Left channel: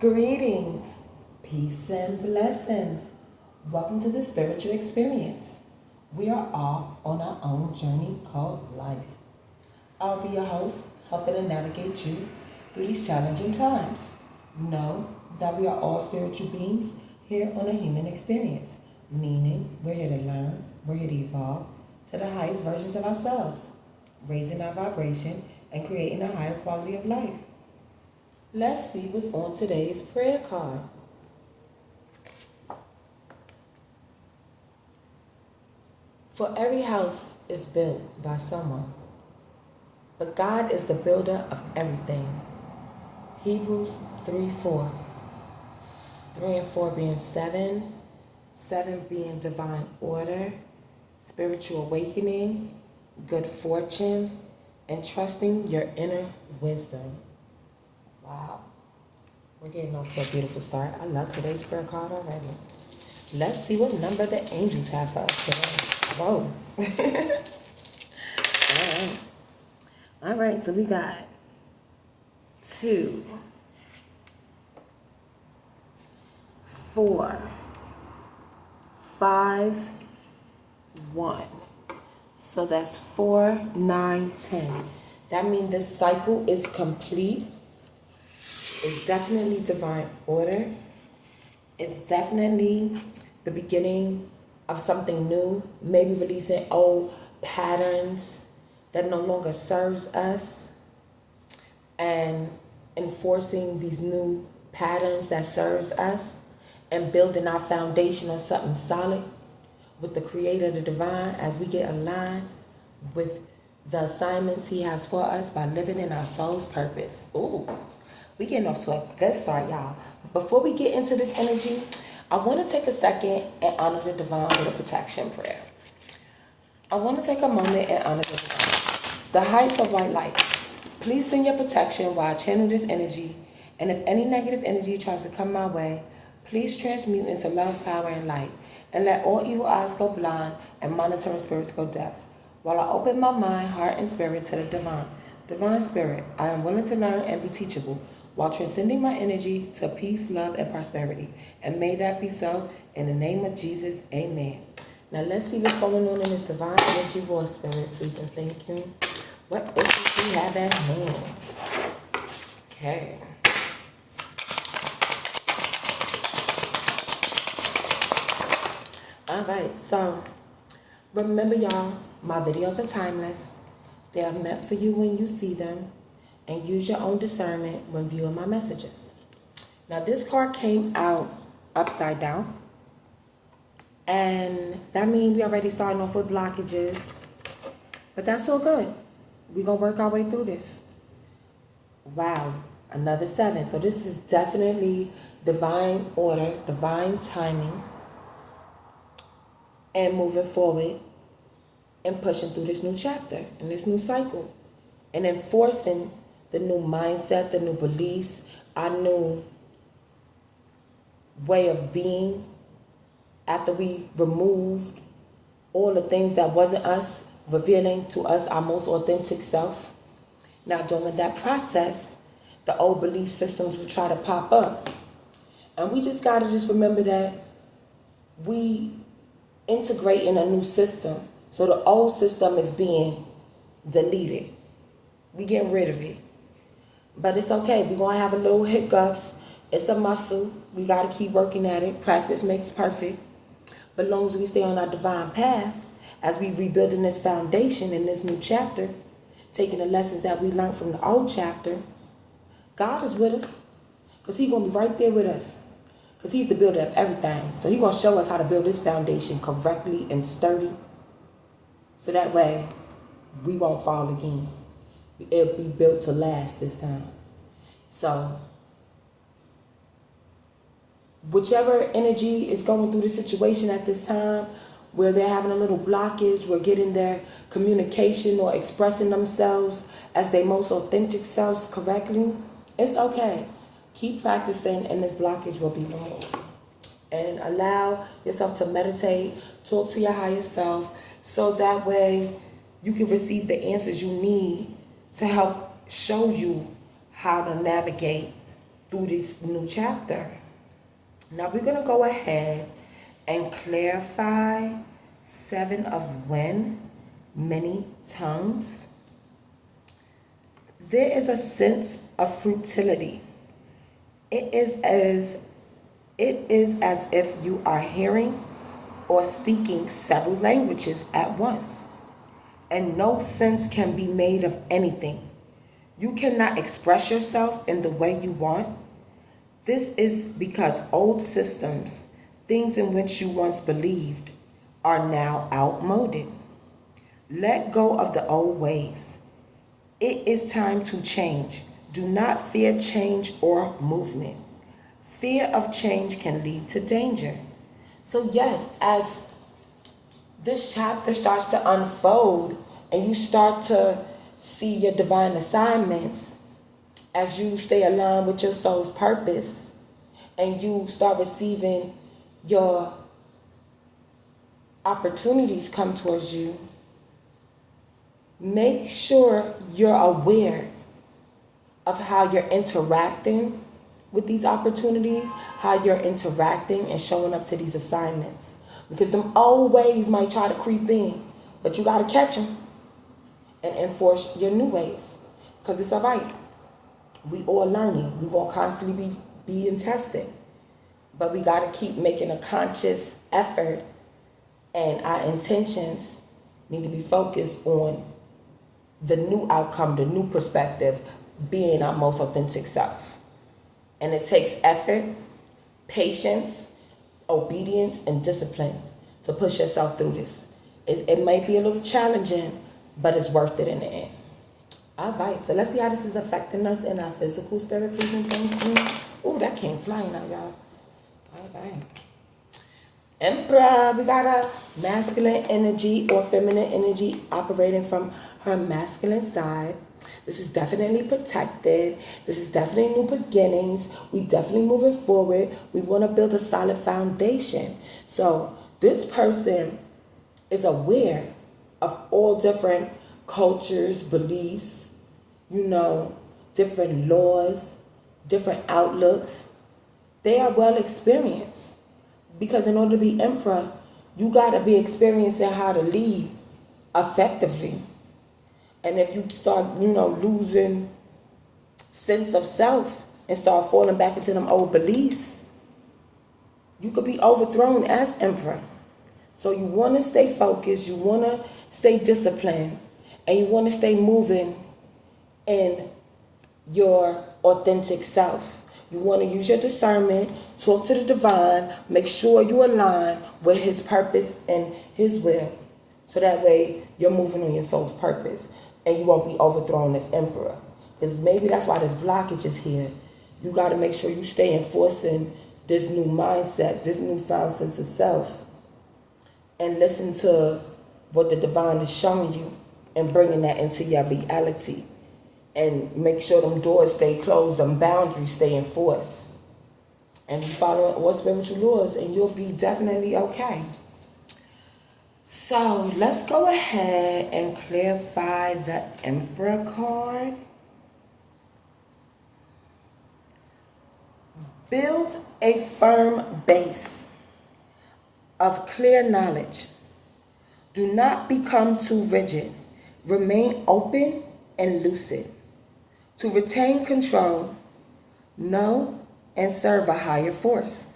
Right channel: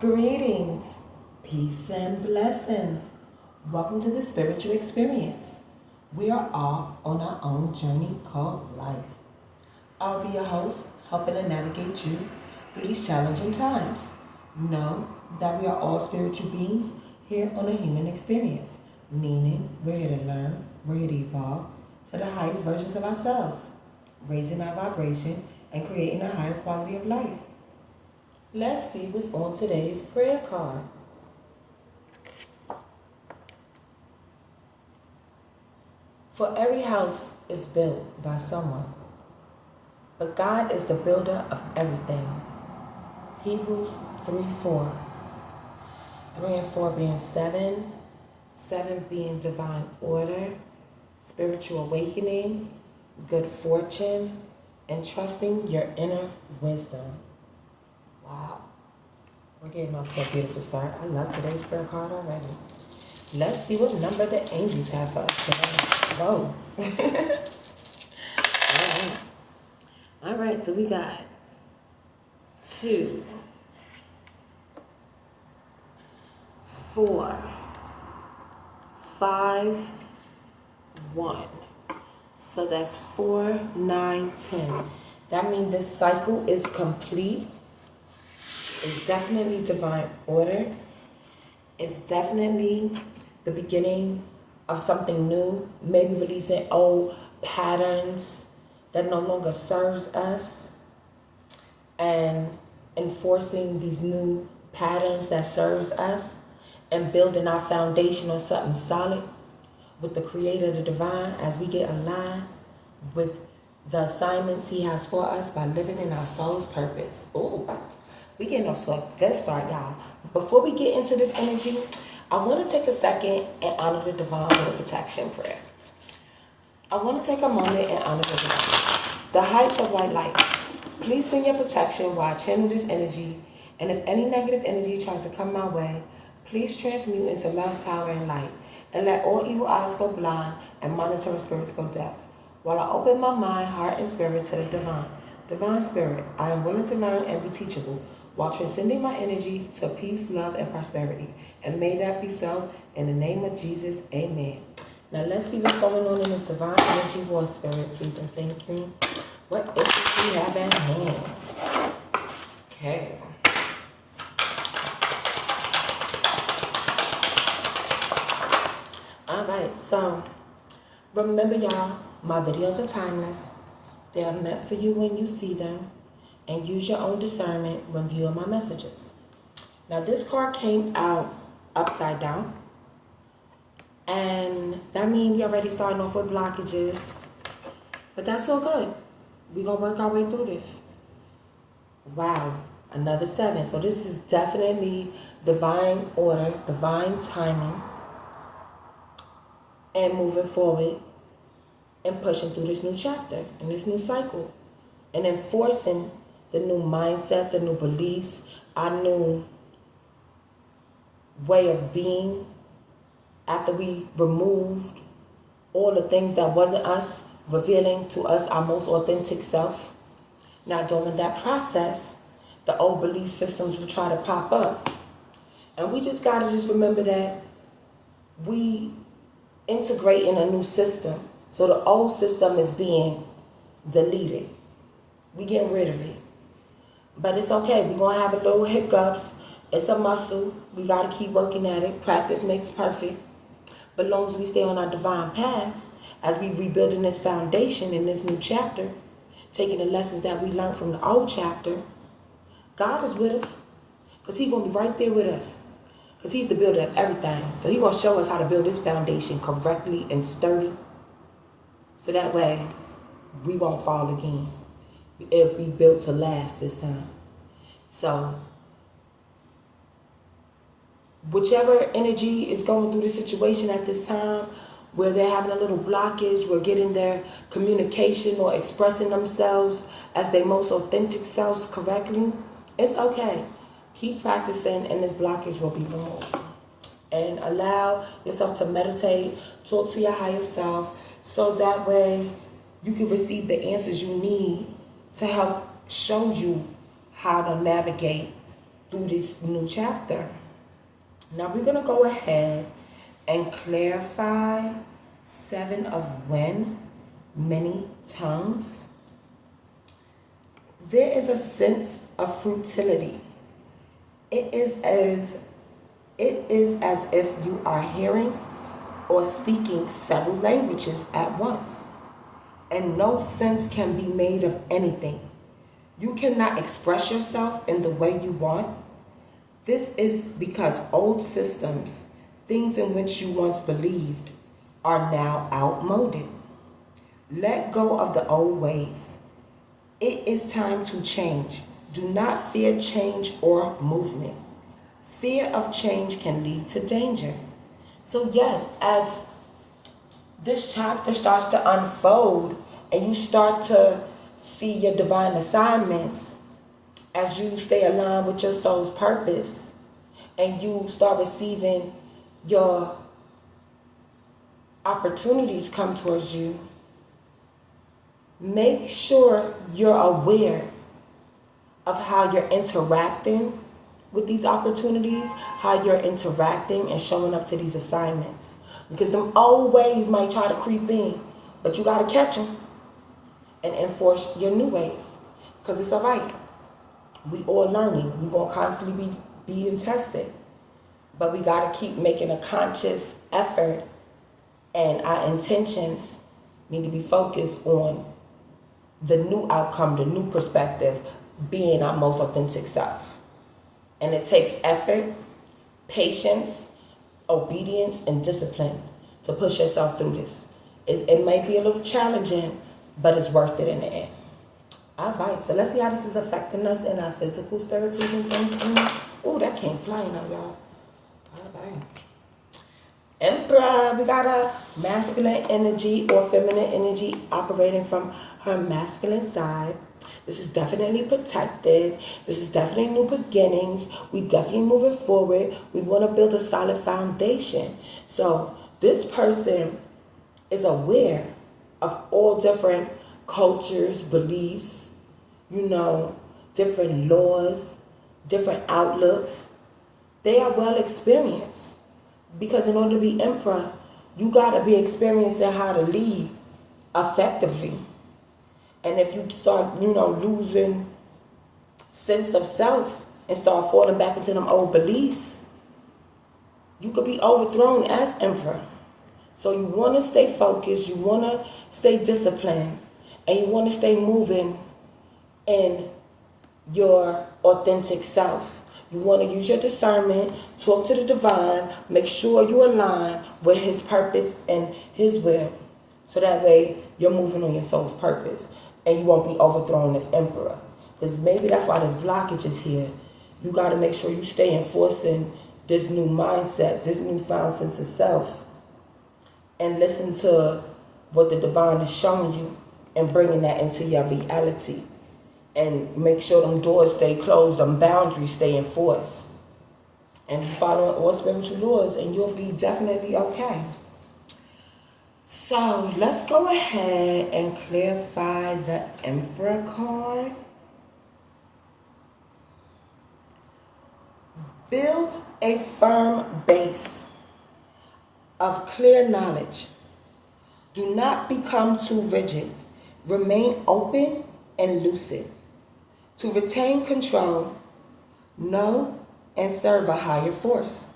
Greetings, peace and blessings. Welcome to the spiritual experience. We are all on our own journey called life. I'll be your host, helping to navigate you through these challenging times. Know that we are all spiritual beings here on a human experience, meaning we're here to learn, we're here to evolve to the highest versions of ourselves, raising our vibration and creating a higher quality of life. Let's see what's on today's prayer card. For every house is built by someone, but God is the builder of everything. Hebrews 3:4. 3 and 4 being 7, 7 being divine order, spiritual awakening, good fortune, and trusting your inner wisdom. Wow. We're getting off to a beautiful start. I love today's prayer card already. Let's see what number the angels have for us today. Whoa. All right, so we got 2, 4, 5, 1. So that's 4, 9, 10. That means this cycle is complete. It's definitely divine order. It's definitely the beginning of something new, maybe releasing old patterns that no longer serves us and enforcing these new patterns that serves us and building our foundation on something solid with the creator, the divine, as we get aligned with the assignments he has for us by living in our soul's purpose. Ooh. We getting off to a good start, y'all. Before we get into this energy, I want to take a second and honor the divine with a protection prayer. I want to take a moment and honor the divine. The heights of white light. Please send your protection while I channel this energy. And if any negative energy tries to come my way, please transmute into love, power, and light. And let all evil eyes go blind and monitoring spirits go deaf. While I open my mind, heart, and spirit to the divine. Divine Spirit, I am willing to learn and be teachable while transcending my energy to peace, love, and prosperity. And may that be so. In the name of Jesus, amen. Now let's see what's going on in this divine energy war, Spirit, please and thank you. What is it we have at hand? Okay. All right, so remember, y'all, my videos are timeless. They are meant for you when you see them, and use your own discernment when viewing my messages. Now, this card came out upside down, and that means we already starting off with blockages, but that's all good. We're going to work our way through this. Wow, another 7. So this is definitely divine order, divine timing, and moving forward and pushing through this new chapter and this new cycle and enforcing the new mindset, the new beliefs, our new way of being after we removed all the things that wasn't us, revealing to us our most authentic self. Now, during that process, the old belief systems will try to pop up. And we just got to just remember that we integrate in a new system. So the old system is being deleted. We getting rid of it. But it's okay. We're going to have a little hiccups. It's a muscle. We got to keep working at it. Practice makes perfect. But as long as we stay on our divine path, as we rebuilding this foundation in this new chapter, taking the lessons that we learned from the old chapter, God is with us. Because he's going to be right there with us. Because he's the builder of everything. So he's going to show us how to build this foundation correctly and sturdy. So that way, we won't fall again. It'll be built to last this time. So, whichever energy is going through the situation at this time, where they're having a little blockage, where getting their communication or expressing themselves as their most authentic selves correctly, it's okay. Keep practicing and this blockage will be removed. And allow yourself to meditate, talk to your higher self, so that way you can receive the answers you need to help show you how to navigate through this new chapter. Now we're going to go ahead and clarify 7 of wind, many tongues. There is a sense of futility. It is as if you are hearing or speaking several languages at once, and no sense can be made of anything. You cannot express yourself in the way you want. This is because old systems, things in which you once believed, are now outmoded. Let go of the old ways. It is time to change. Do not fear change or movement. Fear of change can lead to danger. So yes, as this chapter starts to unfold and you start to see your divine assignments, as you stay aligned with your soul's purpose and you start receiving your opportunities come towards you, make sure you're aware of how you're interacting with these opportunities, how you're interacting and showing up to these assignments. Because them old ways might try to creep in, but you got to catch them and enforce your new ways. Because it's all right. We all learning. We're going to constantly be being tested. But we got to keep making a conscious effort, and our intentions need to be focused on the new outcome, the new perspective, being our most authentic self. And it takes effort, patience, obedience, and discipline to push yourself through this. It may be a little challenging, but it's worth it in the end. All right, so let's see how this is affecting us in our physical, spirit, and thinking. Oh, that came flying out, y'all. All right. Emperor, we got a masculine energy or feminine energy operating from her masculine side. This is definitely protected. This is definitely new beginnings. We definitely moving forward. We want to build a solid foundation. So this person is aware of all different cultures, beliefs, different laws, different outlooks. They are well experienced. Because in order to be emperor, you got to be experiencing how to lead effectively. And if you start, losing sense of self and start falling back into them old beliefs, you could be overthrown as emperor. So you want to stay focused, you want to stay disciplined, and you want to stay moving in your authentic self. You want to use your discernment, talk to the divine, make sure you align with his purpose and his will. So that way you're moving on your soul's purpose and you won't be overthrown as emperor. Because maybe that's why this blockage is here. You got to make sure you stay enforcing this new mindset, this newfound sense of self, and listen to what the divine is showing you and bringing that into your reality. And make sure them doors stay closed, them boundaries stay enforced. And you follow all spiritual laws and you'll be definitely okay. So let's go ahead and clarify the Emperor card. Build a firm base of clear knowledge. Do not become too rigid. Remain open and lucid. To retain control, know and serve a higher force.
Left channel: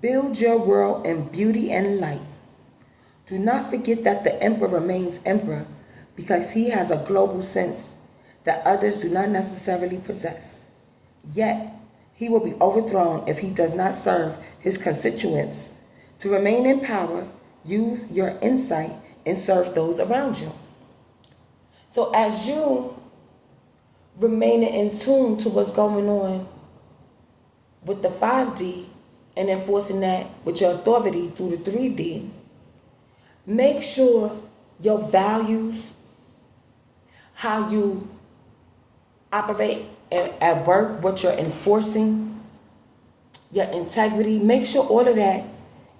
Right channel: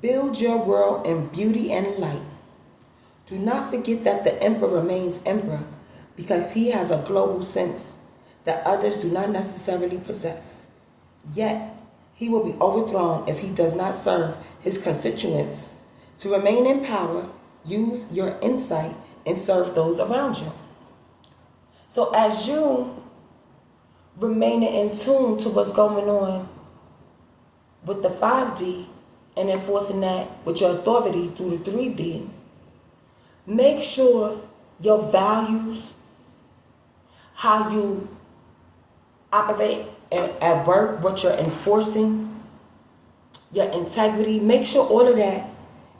Build your world in beauty and light. Do not forget that the emperor remains emperor because he has a global sense that others do not necessarily possess. Yet, he will be overthrown if he does not serve his constituents. To remain in power, use your insight and serve those around you. So as you remaining in tune to what's going on with the 5D and enforcing that with your authority through the 3D, make sure your values, how you operate at work, what you're enforcing, your integrity, make sure all of that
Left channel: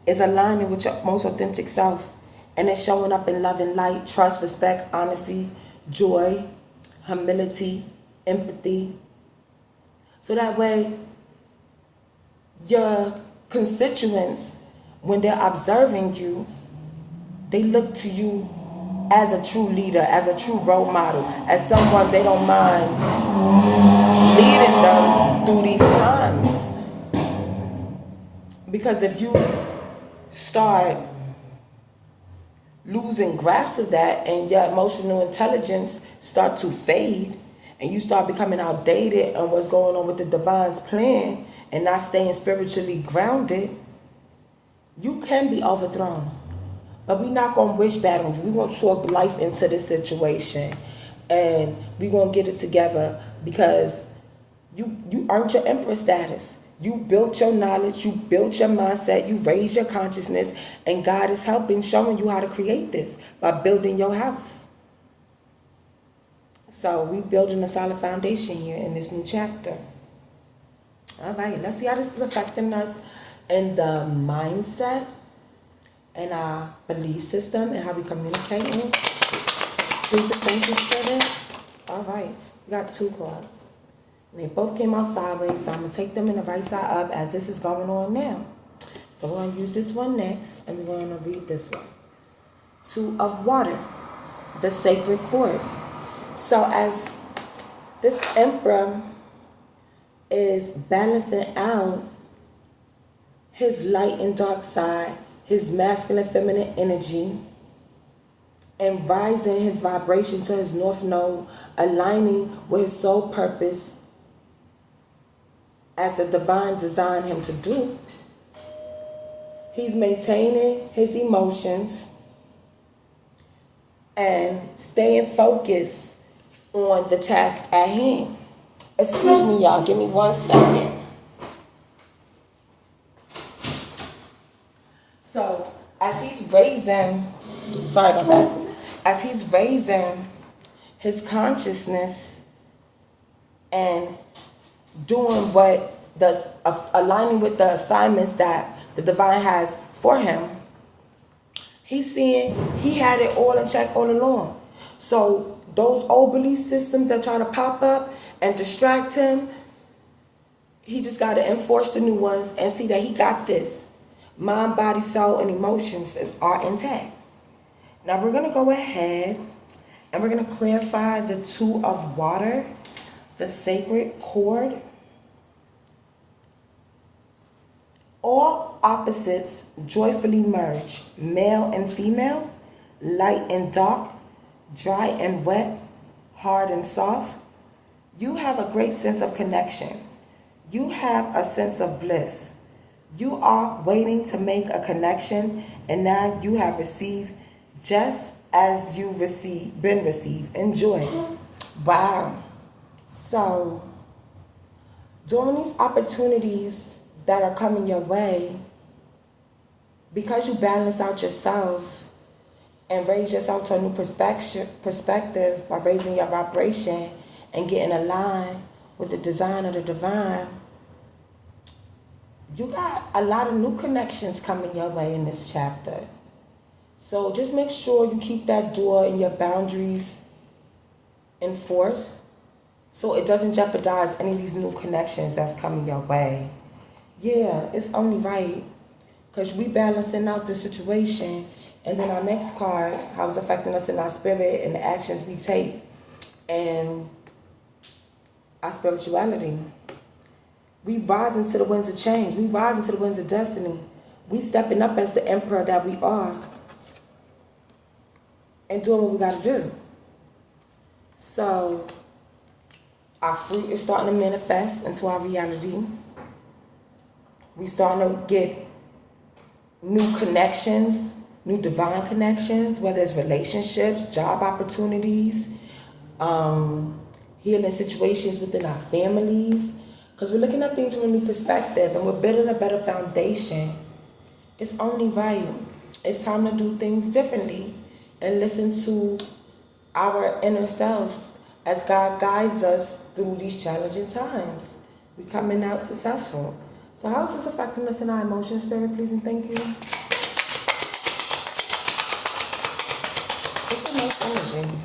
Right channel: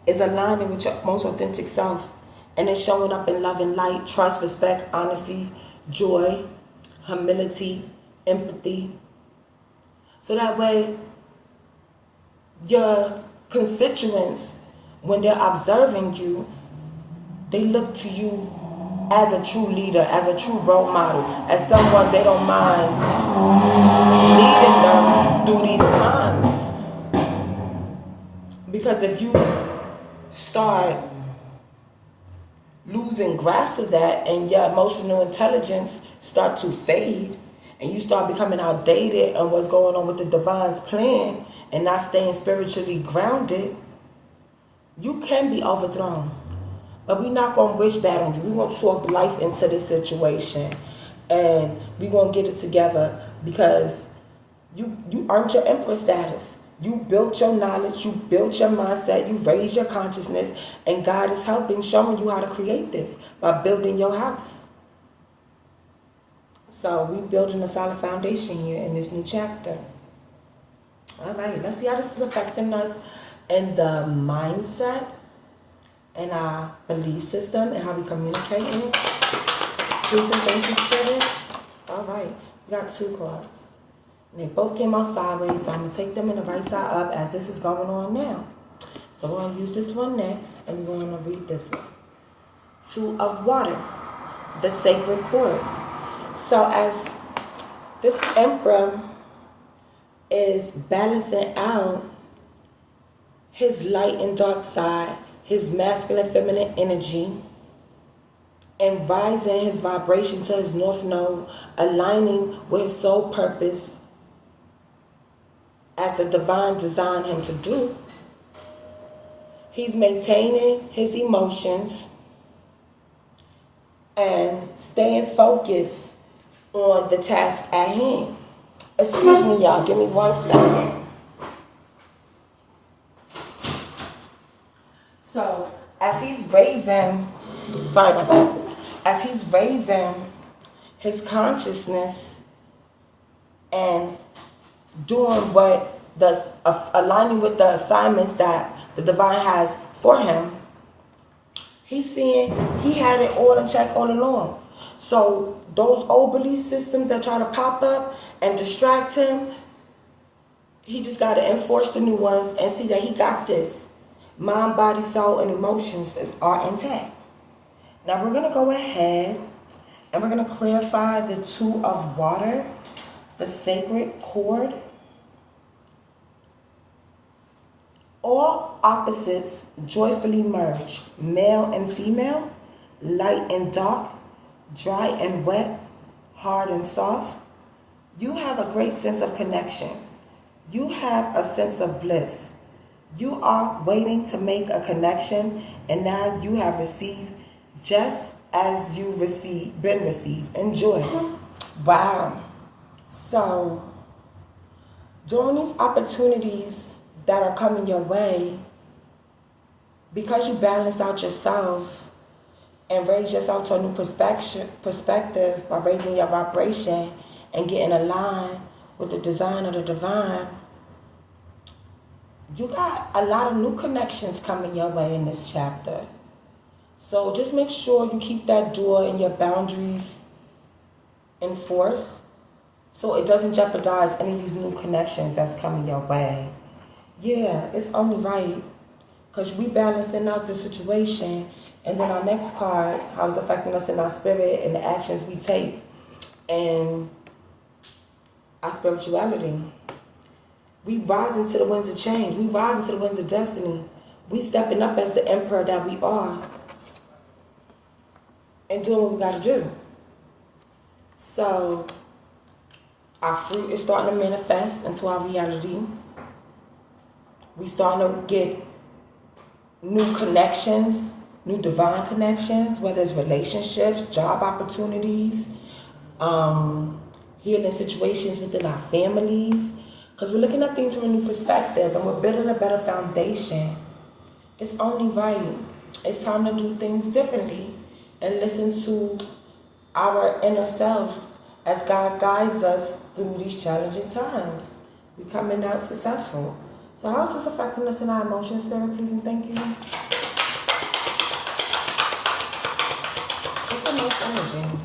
is aligning with your most authentic self and it's showing up in love and light, trust, respect, honesty, joy, humility, empathy. So that way, your constituents, when they're observing you, they look to you as a true leader, as a true role model, as someone they don't mind leading them through these times. Because if you start losing grasp of that and your emotional intelligence start to fade and you start becoming outdated on what's going on with the divine's plan and not staying spiritually grounded, you can be overthrown. But we're not going to wish bad on you. We're going to talk life into this situation. And we're going to get it together because you earned your empress status. You built your knowledge. You built your mindset. You raised your consciousness. And God is helping, showing you how to create this by building your house. So we're building a solid foundation here in this new chapter. All right, let's see how this is affecting us in the mindset and our belief system and how we communicate. Please and thank you, Spirit. All right, we got 2 cards. And they both came out sideways, so I'm going to take them in the right side up as this is going on now. So we're going to use this one next, and we're going to read this one. 2 of water, the sacred cord. So as this emperor is balancing out his light and dark side, his masculine feminine energy, and rising his vibration to his north node, aligning with his soul purpose as the divine designed him to do. He's maintaining his emotions and staying focused on the task at hand. Excuse me, y'all. Give me 1 second. So, as he's raising, sorry about that. As he's raising his consciousness and doing what does aligning with the assignments that the divine has for him, he's seeing he had it all in check all along. So those old belief systems that try to pop up and distract him, he just got to enforce the new ones and see that he got this. Mind, body, soul, and emotions are intact. Now we're going to go ahead and we're going to clarify the 2 of water, the sacred cord. All opposites joyfully merge, male and female, light and dark, dry and wet, hard and soft. You have a great sense of connection. You have a sense of bliss. You are waiting to make a connection, and now you have received just as you been received. Enjoy. Wow. So, during these opportunities that are coming your way, because you balance out yourself and raise yourself to a new perspective by raising your vibration and getting aligned with the design of the divine, you got a lot of new connections coming your way in this chapter. So just make sure you keep that door and your boundaries in force so it doesn't jeopardize any of these new connections that's coming your way. Yeah, it's only right because we balancing out the situation, and then our next card, how it's affecting us in our spirit and the actions we take and our spirituality. We rise into the winds of change. We rise into the winds of destiny. We stepping up as the emperor that we are and doing what we got to do. So our fruit is starting to manifest into our reality. We starting to get new connections, new divine connections, whether it's relationships, job opportunities, healing situations within our families. Because we're looking at things from a new perspective and we're building a better foundation. It's only right. It's time to do things differently and listen to our inner selves as God guides us through these challenging times. We're coming out successful. So how is this affecting us in our emotions, Spirit, please and thank you? It's emotional energy.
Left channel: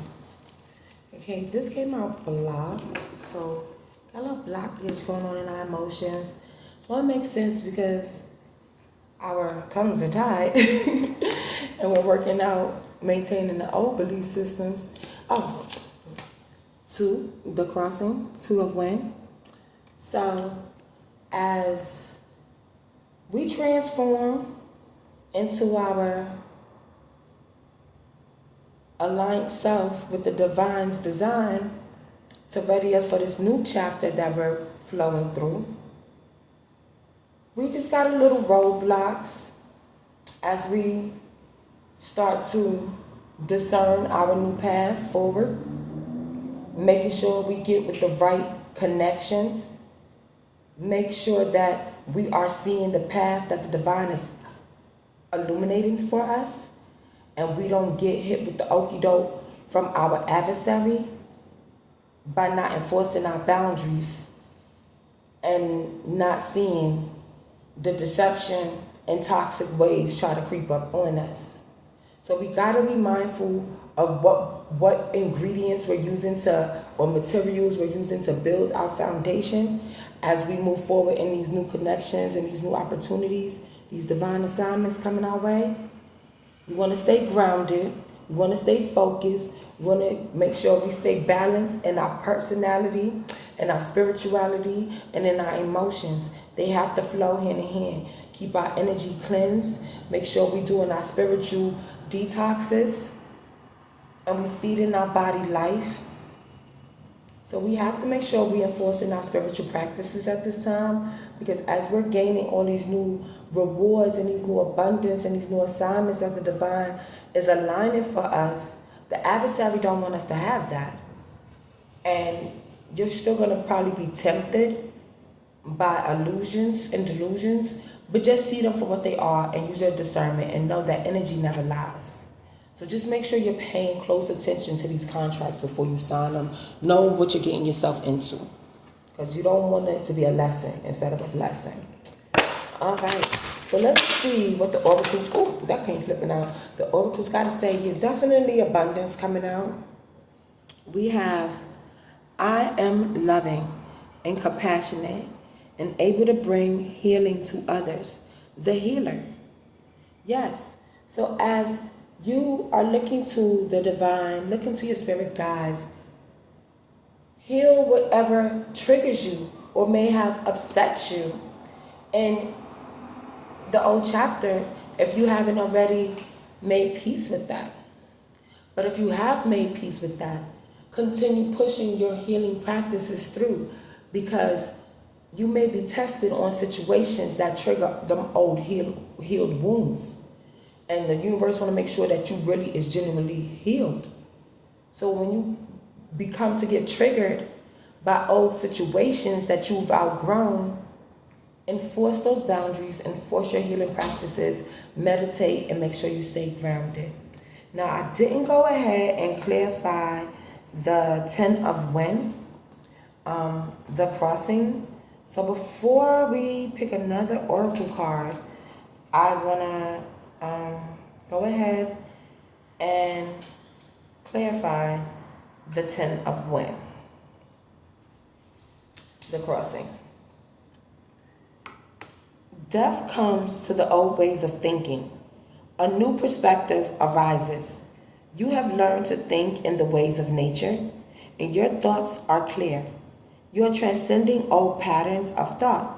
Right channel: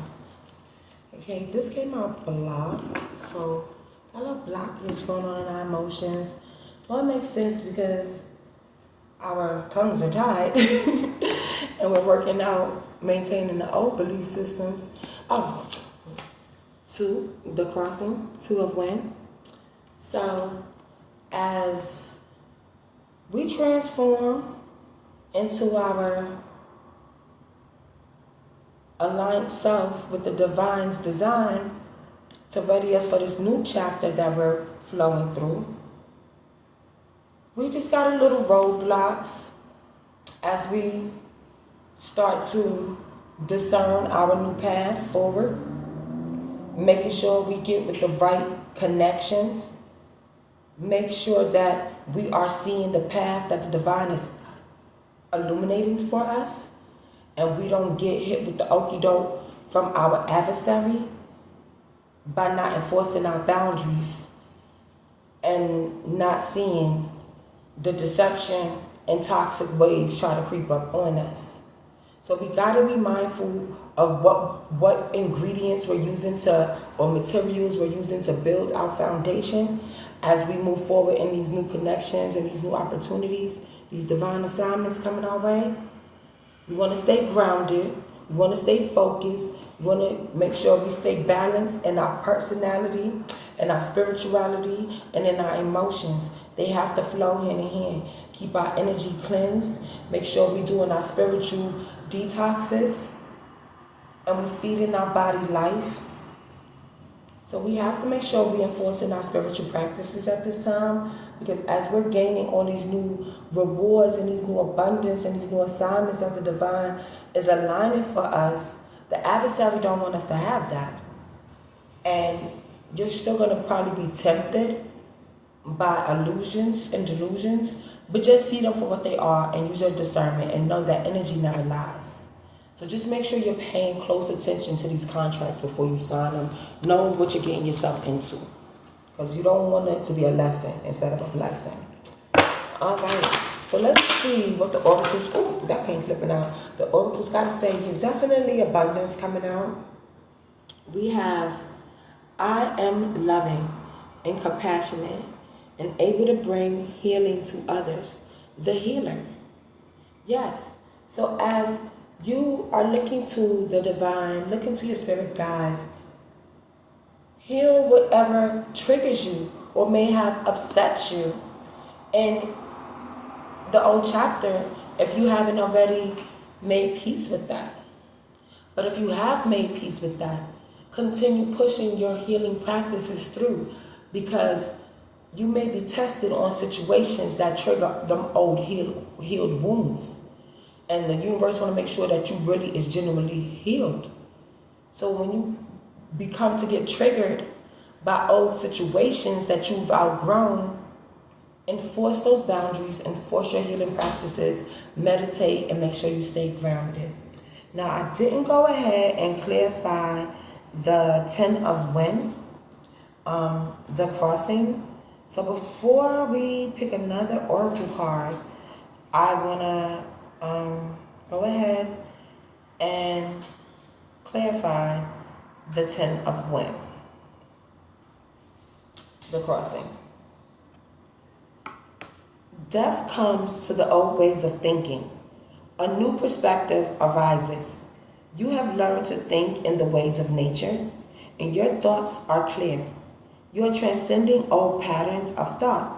Okay, this came out blocked, so a little blockage going on in our emotions. Well, it makes sense because our tongues are tied and we're working out maintaining the old belief systems. Oh, two, the crossing, two of when. So as we transform into our aligned self with the divine's design to ready us for this new chapter that we're flowing through, we just got a little roadblocks as we start to discern our new path forward, making sure we get with the right connections, make sure that we are seeing the path that the divine is illuminating for us, and we don't get hit with the okie doke from our adversary by not enforcing our boundaries and not seeing the deception and toxic ways try to creep up on us. So we got to be mindful of what ingredients we're using or materials we're using to build our foundation as we move forward in these new connections and these new opportunities, these divine assignments coming our way. We want to stay grounded. We want to stay focused. We want to make sure we stay balanced in our personality, in our spirituality, and in our emotions. They have to flow hand in hand. Keep our energy cleansed. Make sure we're doing our spiritual detoxes. And we're feeding our body life. So we have to make sure we're enforcing our spiritual practices at this time, because as we're gaining all these new rewards and these new abundance and these new assignments that the divine is aligning for us, the adversary don't want us to have that. And you're still going to probably be tempted by illusions and delusions, but just see them for what they are and use your discernment and know that energy never lies. So just make sure you're paying close attention to these contracts before you sign them. Know what you're getting yourself into, because you don't want it to be a lesson instead of a blessing. All right, so let's see what the oracles, oh, that came flipping out. The oracles got to say here, definitely abundance coming out. We have, I am loving and compassionate and able to bring healing to others. The healer. Yes. So as you are looking to the divine, looking to your spirit guides, heal whatever triggers you or may have upset you in the old chapter if you haven't already made peace with that. But if you have made peace with that, continue pushing your healing practices through, because you may be tested on situations that trigger them old healed wounds. And the universe want to make sure that you really is genuinely healed. So when you become to get triggered by old situations that you've outgrown, enforce those boundaries, enforce your healing practices, meditate, and make sure you stay grounded. Now, I didn't go ahead and clarify the 10 of when, the crossing. So before we pick another oracle card, I want to go ahead and clarify the 10 of when, the crossing. Death comes to the old ways of thinking. A new perspective arises. You have learned to think in the ways of nature, and your thoughts are clear. You are transcending old patterns of thought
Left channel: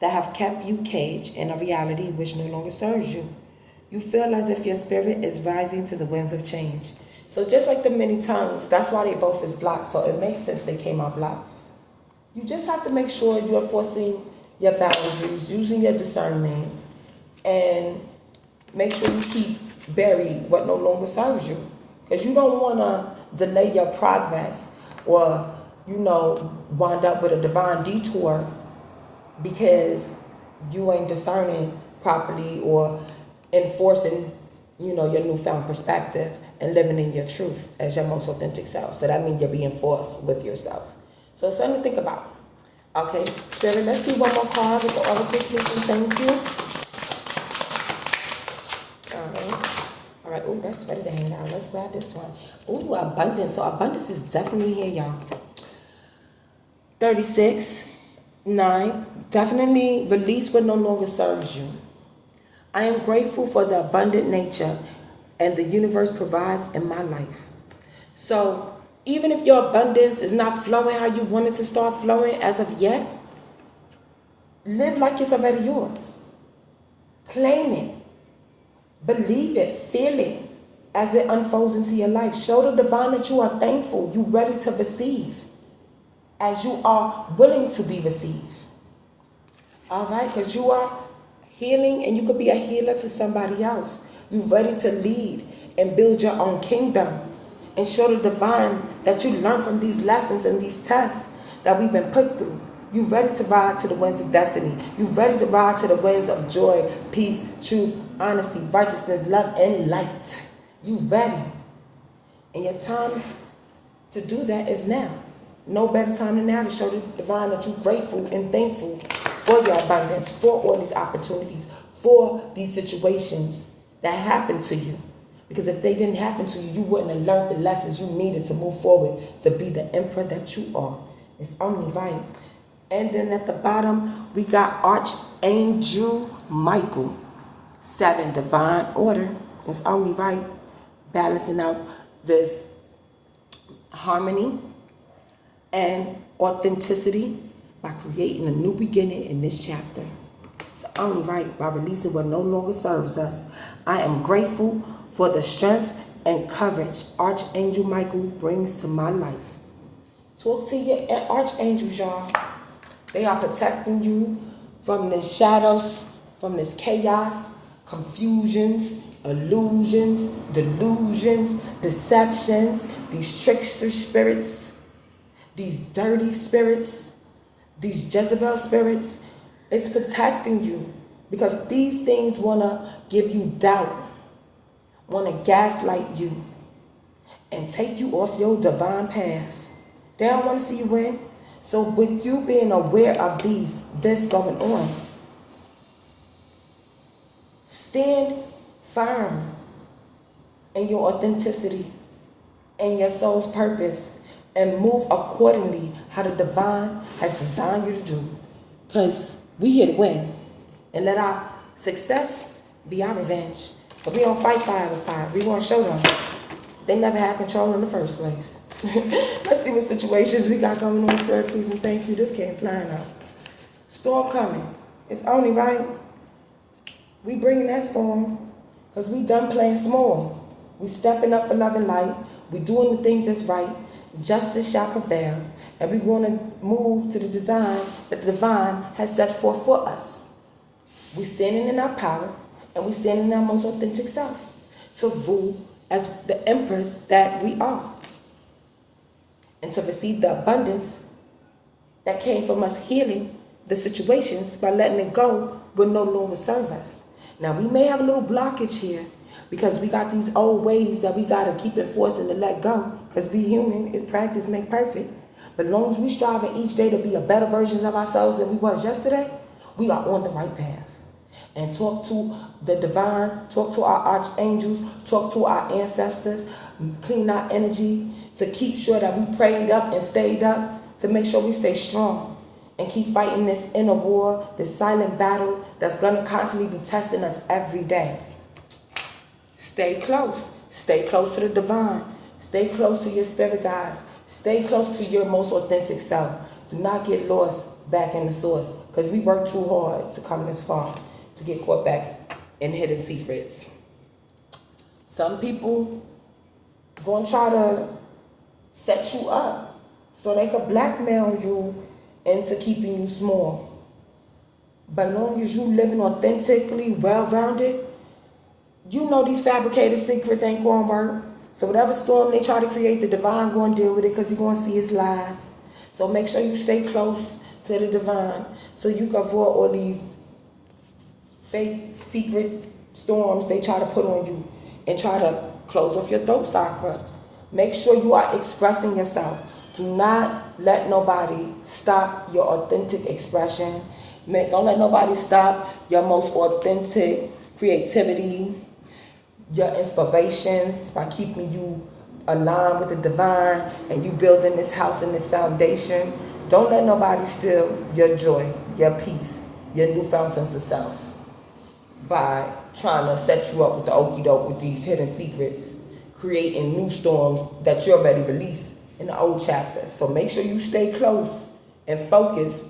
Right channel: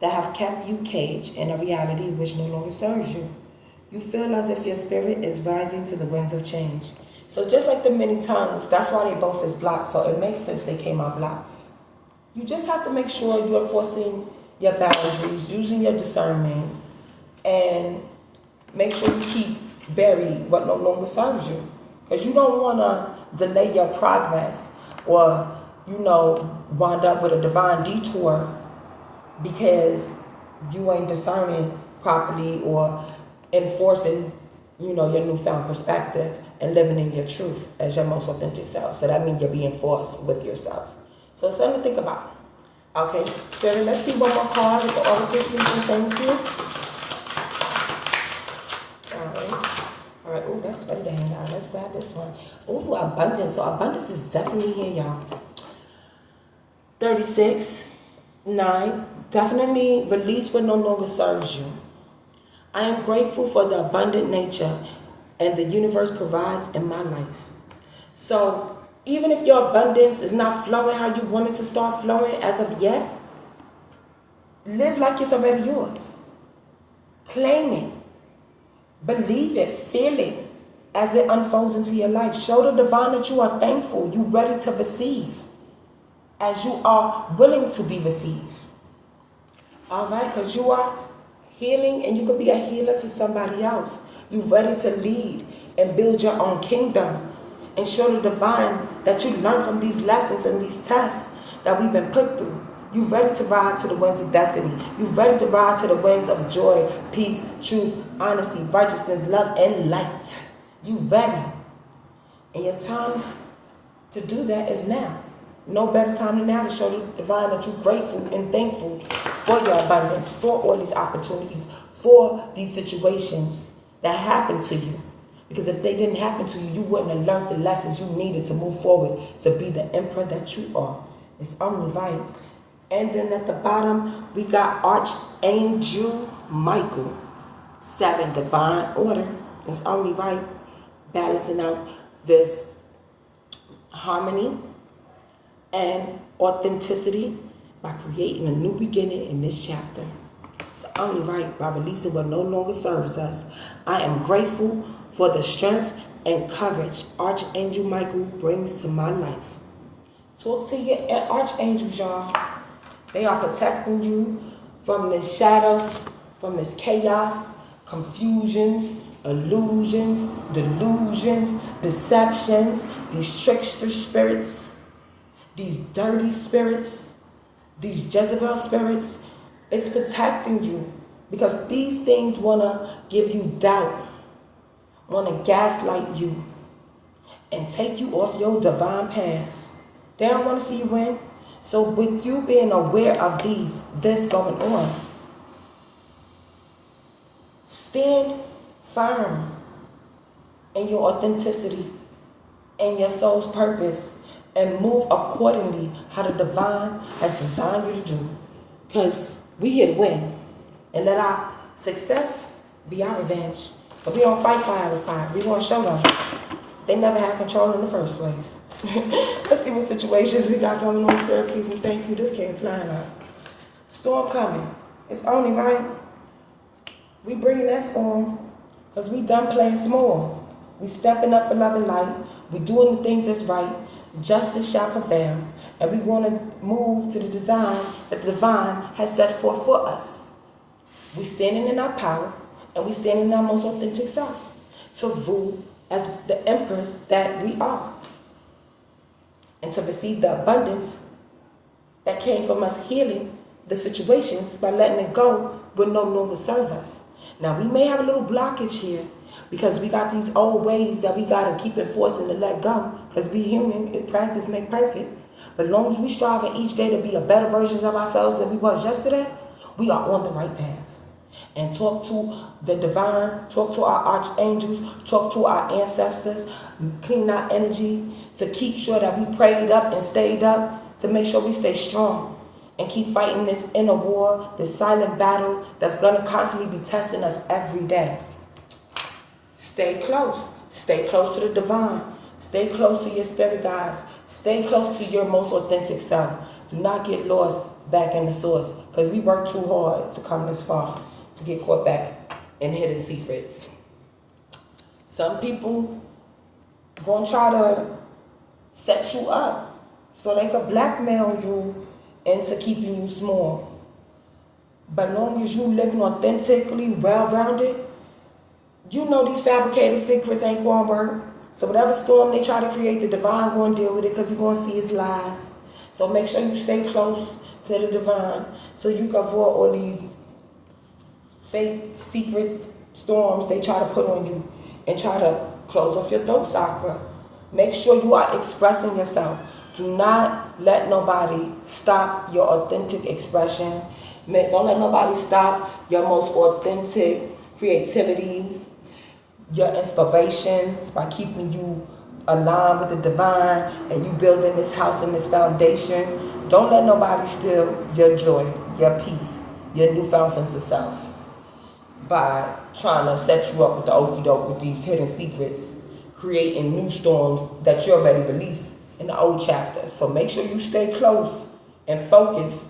that have kept you caged in a reality which no longer serves you. You feel as if your spirit is rising to the winds of change. So just like the many tongues, that's why they both is blocked. So it makes sense they came out blocked. You just have to make sure you're enforcing your boundaries, using your discernment, and make sure you keep buried what no longer serves you. Because you don't want to delay your progress or, wind up with a divine detour because you ain't discerning properly or enforcing, your newfound perspective and living in your truth as your most authentic self. So that means you're being forced with yourself. So it's something to think about. Okay, Spirit, let's see one more card with the oracle, please. Thank you. All right. Oh, that's ready to hang out. Let's grab this one. Oh, abundance. So abundance is definitely here, y'all. 36, 9. Definitely release what no longer serves you. I am grateful for the abundant nature and the universe provides in my life. So even if your abundance is not flowing how you want it to start flowing as of yet, live like it's already yours. Claim it. Believe it. Feel it as it unfolds into your life. Show the divine that you are thankful. You're ready to receive as you are willing to be received. All right? Because you are healing and you could be a healer to somebody else. You're ready to lead and build your own kingdom and show the divine that you learn from these lessons and these tests that we've been put through. You're ready to ride to the winds of destiny. You're ready to ride to the winds of joy, peace, truth, honesty, righteousness, love, and light. You're ready. And your time to do that is now. No better time than now to show the divine that you're grateful and thankful for your abundance, for all these opportunities, for these situations that happened to you. Because if they didn't happen to you, you wouldn't have learned the lessons you needed to move forward to be the emperor that you are. It's only right. And then at the bottom, we got Archangel Michael. 7, divine order. It's only right. Balancing out this harmony and authenticity by creating a new beginning in this chapter. It's only right by releasing what no longer serves us. I am grateful for the strength and courage Archangel Michael brings to my life. Talk to your archangels, y'all. They are protecting you from the shadows, from this chaos, confusions, illusions, delusions, deceptions, these trickster spirits, these dirty spirits, these Jezebel spirits. It's protecting you because these things want to give you doubt, want to gaslight you and take you off your divine path. They don't want to see you win. So with you being aware of this going on, stand firm in your authenticity and your soul's purpose and move accordingly how the divine has designed you to do. Because we here to win. And let our success be our revenge. But we don't fight fire with fire. We want to show them they never had control in the first place. Let's see what situations we got going on. Spirit, please and thank you. This came flying up. Storm coming. It's only right. We bringing that storm because we done playing small. We stepping up for love and light. We doing the things that's right. Justice shall prevail. And we're going to move to the design that the divine has set forth for us. We're standing in our power and we're standing in our most authentic self to rule as the empress that we are. And to receive the abundance that came from us healing the situations by letting it go will no longer serve us. Now, we may have a little blockage here because we got these old ways that we got to keep enforcing to let go because we human, is practice make perfect. But as long as we striving each day to be a better version of ourselves than we was yesterday, we are on the right path. And talk to the divine, talk to our archangels, talk to our ancestors, clean our energy to keep sure that we prayed up and stayed up to make sure we stay strong and keep fighting this inner war, this silent battle that's going to constantly be testing us every day. Stay close. Stay close to the divine. Stay close to your spirit guides. Stay close to your most authentic self. Do not get lost back in the source because we worked too hard to come this far to get caught back in hidden secrets. Some people going to try to set you up so they could blackmail you into keeping you small. But as long as you living authentically, well-rounded, you know these fabricated secrets ain't going to work. So whatever storm they try to create, the divine going to deal with it because you're going to see his lies. So make sure you stay close to the divine so you can avoid all these fake secret storms they try to put on you and try to close off your throat chakra. Make sure you are expressing yourself. Do not let nobody stop your authentic expression. Don't let nobody stop your most authentic creativity, your inspirations by keeping you aligned with the divine and you building this house and this foundation. Don't let nobody steal your joy, your peace, your newfound sense of self by trying to set you up with the okie doke with these hidden secrets, creating new storms that you already released in the old chapter. So make sure you stay close and focus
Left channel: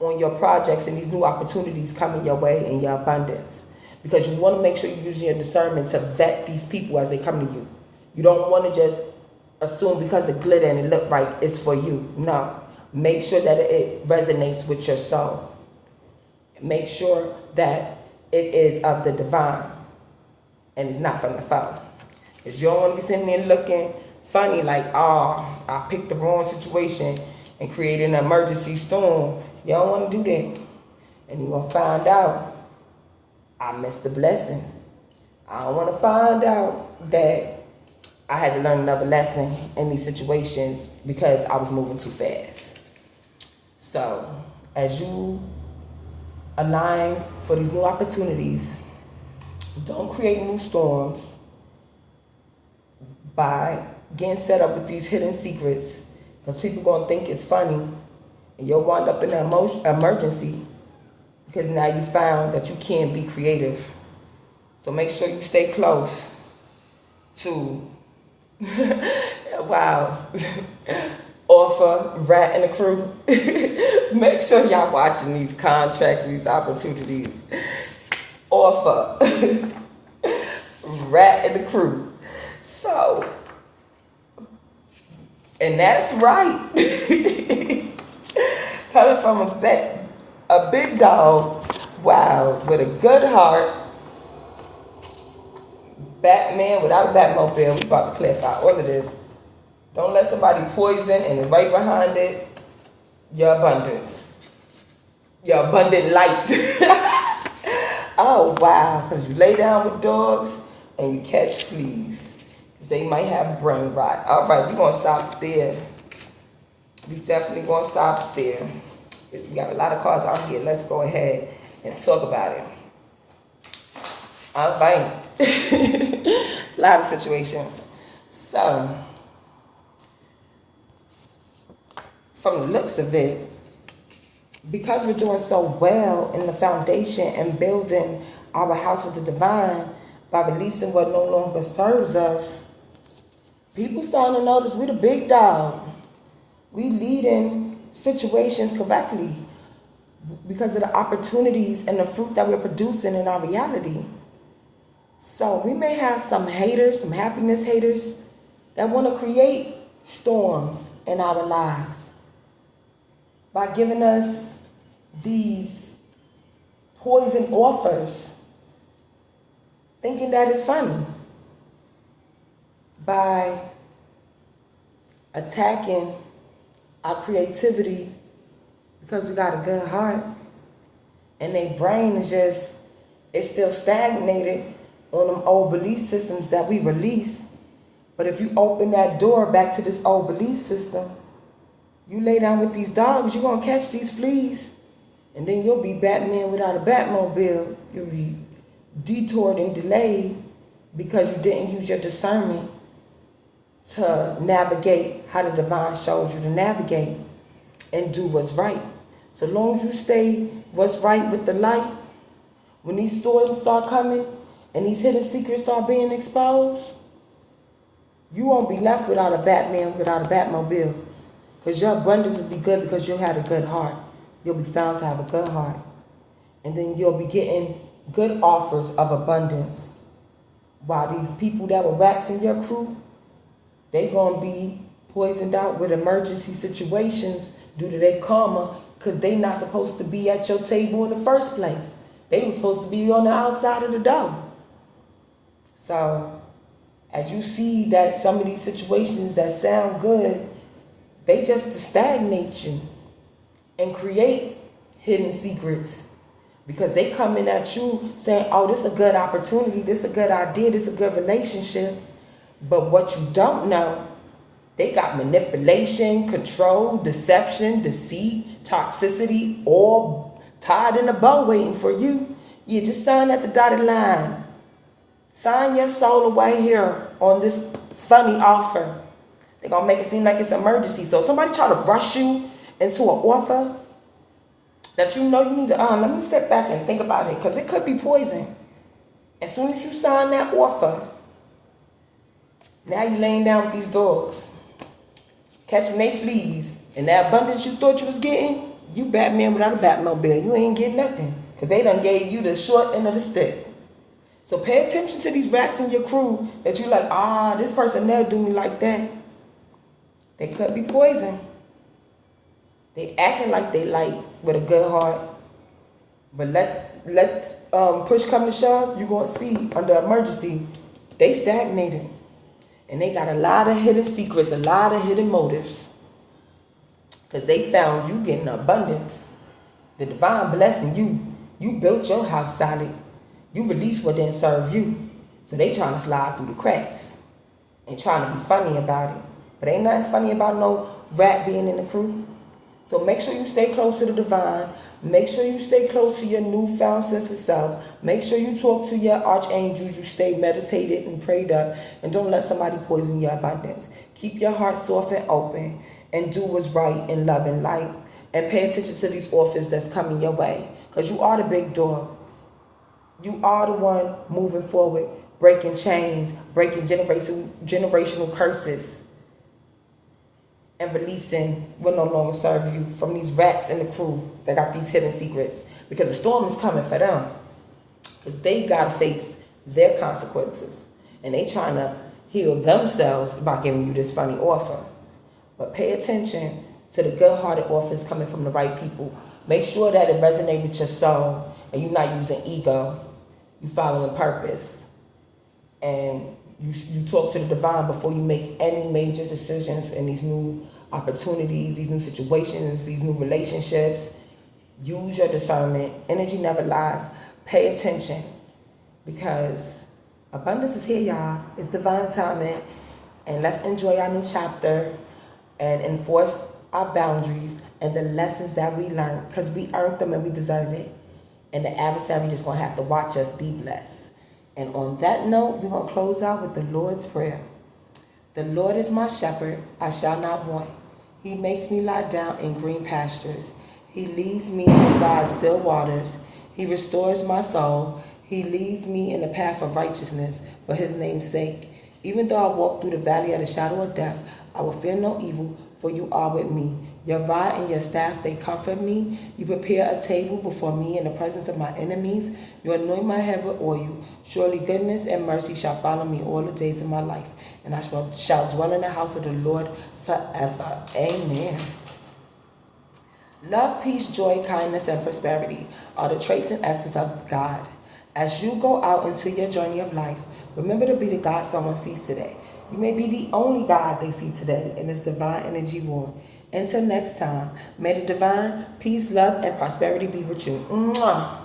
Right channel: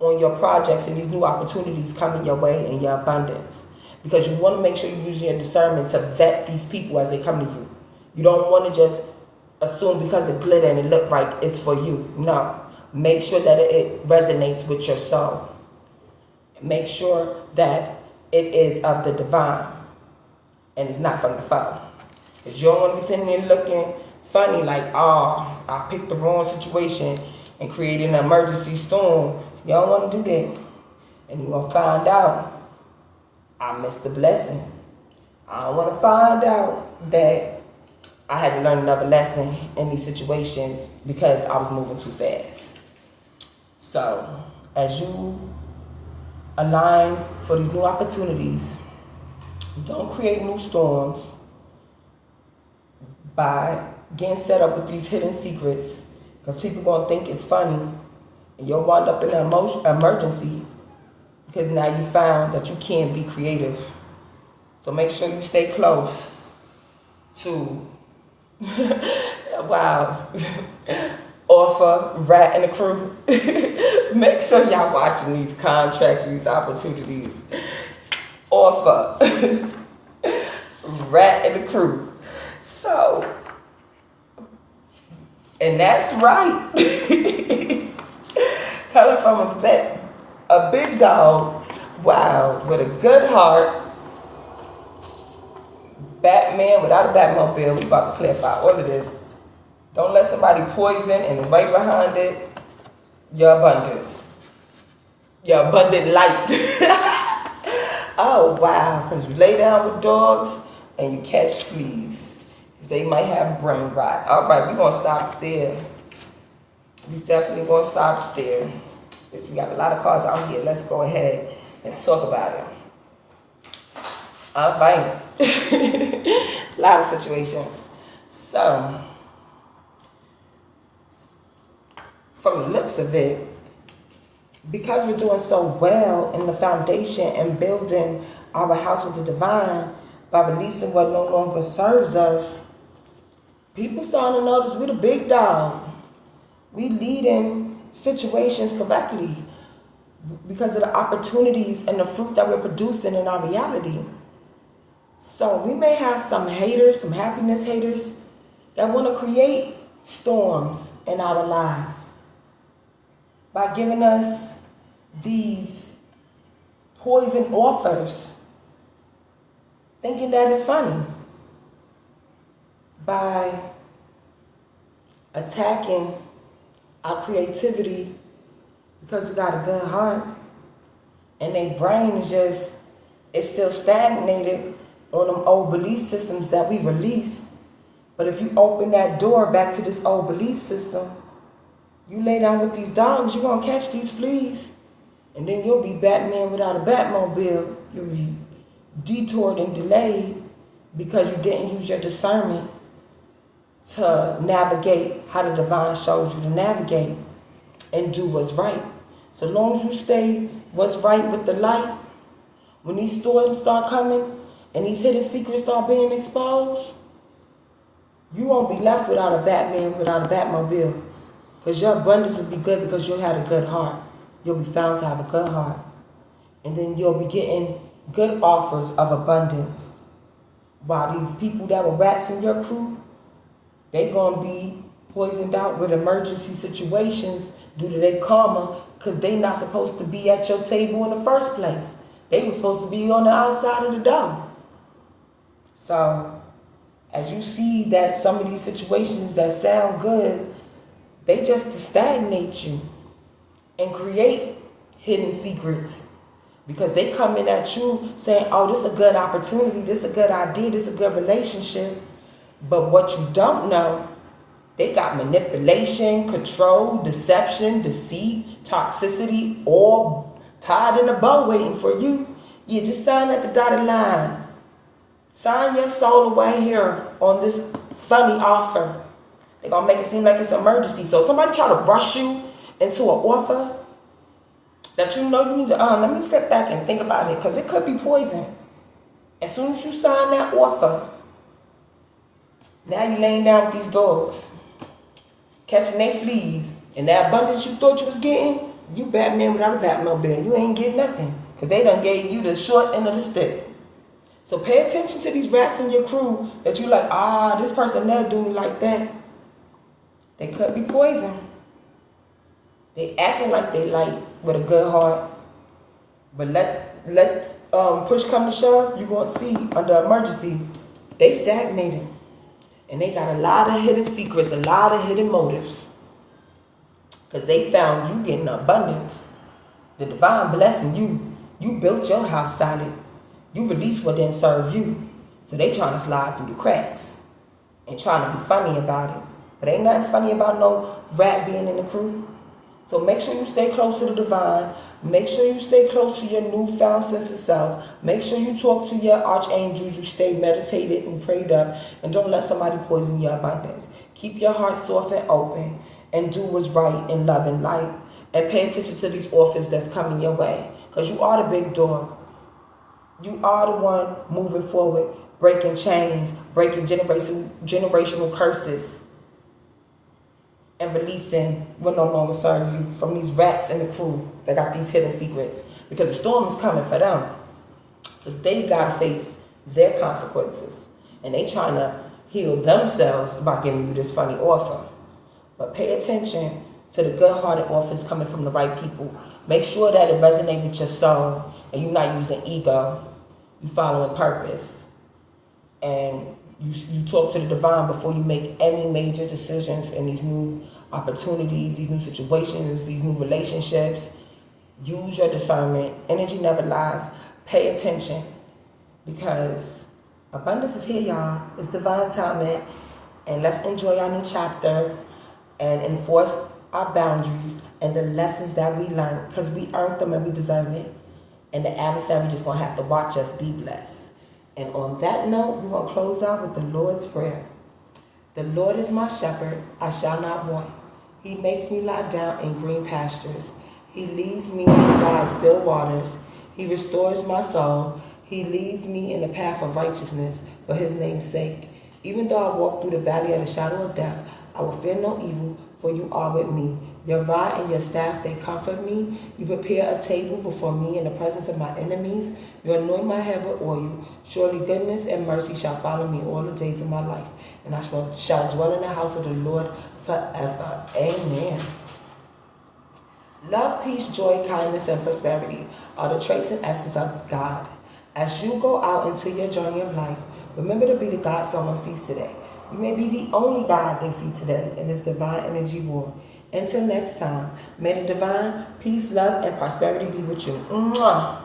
on your projects and these new opportunities coming your way in your abundance. Because you want to make sure you're using your discernment to vet these people as they come to you. You don't want to just assume because it glitter and it look right, it's for you. No. Make sure that it resonates with your soul. Make sure that it is of the divine and it's not from the foe. Because you don't want to be sitting there looking funny like, oh, I picked the wrong situation and created an emergency storm. You don't want to do that. And you're going to find out I missed the blessing. I don't want to find out that I had to learn another lesson in these situations because I was moving too fast. So, as you align for these new opportunities, don't create new storms by getting set up with these hidden secrets, because people going to think it's funny and you'll wind up in an emergency because now you found that you can't be creative. So make sure you stay close to wow. Offer, Rat and the Crew. Make sure y'all watching these contracts, these opportunities. Offer, Rat and the Crew. So, and that's right. Coming from a big dog, wow, with a good heart. Batman without a Batmobile. We about to clarify all of this. Don't let somebody poison and right behind it, your abundance. Your abundant light. Oh, wow. Because you lay down with dogs and you catch fleas. They might have brain rot. All right, we're going to stop there. We definitely going to stop there. We got a lot of cards out here. Let's go ahead and talk about it. All right. A lot of situations. So, from the looks of it, because we're doing so well in the foundation and building our house with the divine by releasing what no longer serves us, people starting to notice we're the big dog. We leading situations correctly because of the opportunities and the fruit that we're producing in our reality. So we may have some haters, some happiness haters that want to create storms in our lives by giving us these poison offers, thinking that it's funny, by attacking our creativity because we got a good heart and their brain is just, it's still stagnated on them old belief systems that we release. But if you open that door back to this old belief system, you lay down with these dogs, you're going to catch these fleas. And then you'll be Batman without a Batmobile. You'll be detoured and delayed because you didn't use your discernment to navigate how the divine shows you to navigate and do what's right. So long as you stay what's right with the light, when these storms start coming and these hidden secrets start being exposed, you won't be left without a Batman, without a Batmobile. Because your abundance will be good because you had a good heart. You'll be found to have a good heart. And then you'll be getting good offers of abundance. While these people that were rats in your crew, they going to be poisoned out with emergency situations due to their karma because they not supposed to be at your table in the first place. They were supposed to be on the outside of the door. So, as you see that some of these situations that sound good, they just to stagnate you and create hidden secrets because they coming at you saying, oh, this is a good opportunity, this is a good idea, this is a good relationship. But what you don't know, they got manipulation, control, deception, deceit, toxicity, all tied in a bow waiting for you. You just sign at the dotted line. Sign your soul away here on this funny offer. They're going to make it seem like it's an emergency. So if somebody try to rush you into an offer that you know you need to, let me sit back and think about it, because it could be poison. As soon as you sign that offer, now you laying down with these dogs, catching their fleas, and that abundance you thought you was getting, you Batman without a Batmobile. You ain't getting nothing, because they done gave you the short end of the stick. So pay attention to these rats in your crew that you like, this person never do me like that. They could be poison. They acting like they light with a good heart. But let push come to shove, you're going to see under emergency, they stagnated. And they got a lot of hidden secrets, a lot of hidden motives. Because they found you getting abundance. The divine blessing you. You built your house solid. You released what didn't serve you. So they trying to slide through the cracks. And trying to be funny about it. But ain't nothing funny about no rat being in the crew. So make sure you stay close to the divine. Make sure you stay close to your newfound sense of self. Make sure you talk to your archangels. You stay meditated and prayed up. And don't let somebody poison your abundance. Keep your heart soft and open. And do what's right in love and light. And pay attention to these offers that's coming your way. Because you are the big dog. You are the one moving forward. Breaking chains. Breaking generational curses. And releasing what no longer serve you from these rats in the crew that got these hidden secrets. Because the storm is coming for them. Because they got to face their consequences. And they trying to heal themselves by giving you this funny offer. But pay attention to the good-hearted offers coming from the right people. Make sure that it resonates with your soul. And you're not using ego. You're following purpose. And you talk to the divine before you make any major decisions in these new opportunities, these new situations, these new relationships. Use your discernment. Energy never lies. Pay attention, because abundance is here, y'all. It's divine timing. And let's enjoy our new chapter and enforce our boundaries and the lessons that we learned, because we earned them and we deserve it. And the adversary just going to have to watch us be blessed. And on that note, we're going to close out with the Lord's Prayer. The Lord is my shepherd, I shall not want. He makes me lie down in green pastures. He leads me beside still waters. He restores my soul. He leads me in the path of righteousness for his name's sake. Even though I walk through the valley of the shadow of death, I will fear no evil, for you are with me. Your rod and your staff, they comfort me. You prepare a table before me in the presence of my enemies. You anoint my head with oil. Surely goodness and mercy shall follow me all the days of my life, and I shall dwell in the house of the Lord forever. Amen. Love, peace, joy, kindness, and prosperity are the traits and essence of God. As you go out into your journey of life, remember to be the God someone sees today. You may be the only God they see today in this divine energy war. Until next time, may the divine peace, love, and prosperity be with you. Mwah.